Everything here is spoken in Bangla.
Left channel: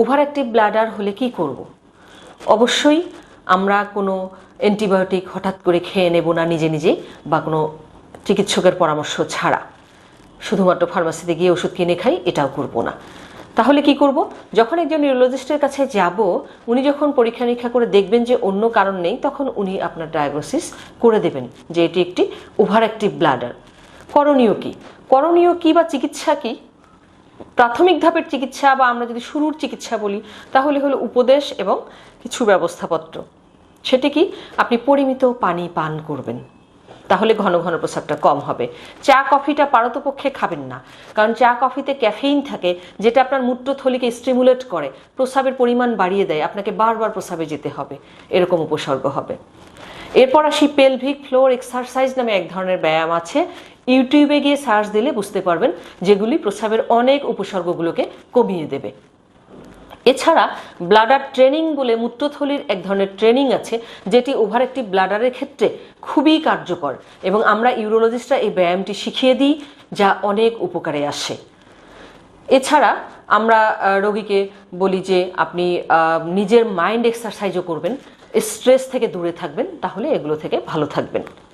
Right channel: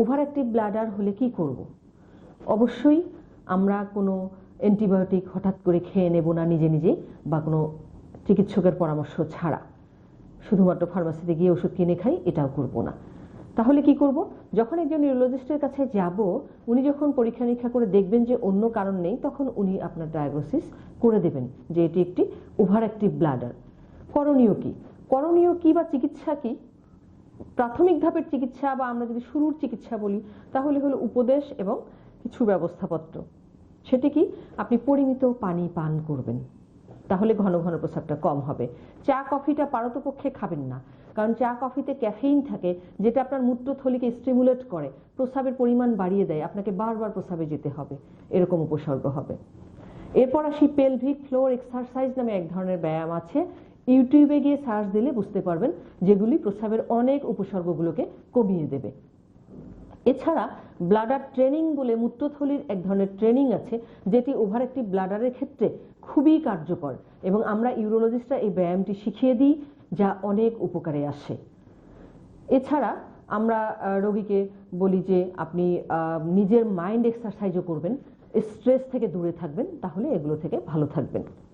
ওভার অ্যাক্টিভ ব্লাডার হলে কি করব। অবশ্যই আমরা কোনো অ্যান্টিবায়োটিক হঠাৎ করে খেয়ে নেব না নিজে নিজেই বা কোনো চিকিৎসকের পরামর্শ ছাড়া। শুধুমাত্র ফার্মাসিতে গিয়ে ওষুধ কিনে খাই, এটাও করব না। তাহলে কি করব? যখন একজন নিউরোলজিস্টের কাছে যাব, উনি যখন পরীক্ষা নিরীক্ষা করে দেখবেন যে অন্য কারণ নেই, তখন উনি আপনার ডায়াগনোসিস করে দেবেন যে এটি একটি ওভার অ্যাক্টিভ ব্লাডার করণীয় কি? করণীয় কি বা চিকিৎসা কি? প্রাথমিক ধাপের চিকিৎসা বা আমরা যদি শুরুর চিকিৎসা বলি, তাহলে হলো উপদেশ এবং কিছু ব্যবস্থাপত্র। সেটি কি? আপনি পরিমিত পানি পান করবেন। তাহলে ঘন ঘন প্রস্রাবটা কম হবে। চা, কফিটা পারতপক্ষে খাবেন না। কারণ চা, কফিতে ক্যাফেইন থাকে, যেটা আপনার মূত্রথলিকে স্টিমুলেট করে। প্রস্রাবের পরিমাণ বাড়িয়ে দেয়। আপনাকে বারবার প্রস্রাবে যেতে হবে। এরকম উপসর্গ হবে। এরপর আসি পেলভিক ফ্লোর এক্সারসাইজ নামে এক ধরনের ব্যায়াম আছে। ইউটিউবে গিয়ে সার্চ দিলে বুঝতে পারবেন যেগুলি প্রস্রাবের অনেক উপসর্গগুলোকে কমিয়ে দেবে। এছাড়া ব্লাডার ট্রেনিং বলে মূত্রথলির এক ধরনের ট্রেনিং আছে, যেটি ওভার একটি ব্লাডারের ক্ষেত্রে খুবই কার্যকর এবং আমরা ইউরোলজিস্টরা এই ব্যায়ামটি শিখিয়ে দিই, যা অনেক উপকারে আসে। এছাড়া আমরা রোগীকে বলি যে আপনি নিজের মাইন্ড এক্সারসাইজও করবেন, স্ট্রেস থেকে দূরে থাকবেন, তাহলে এগুলো থেকে ভালো থাকবেন।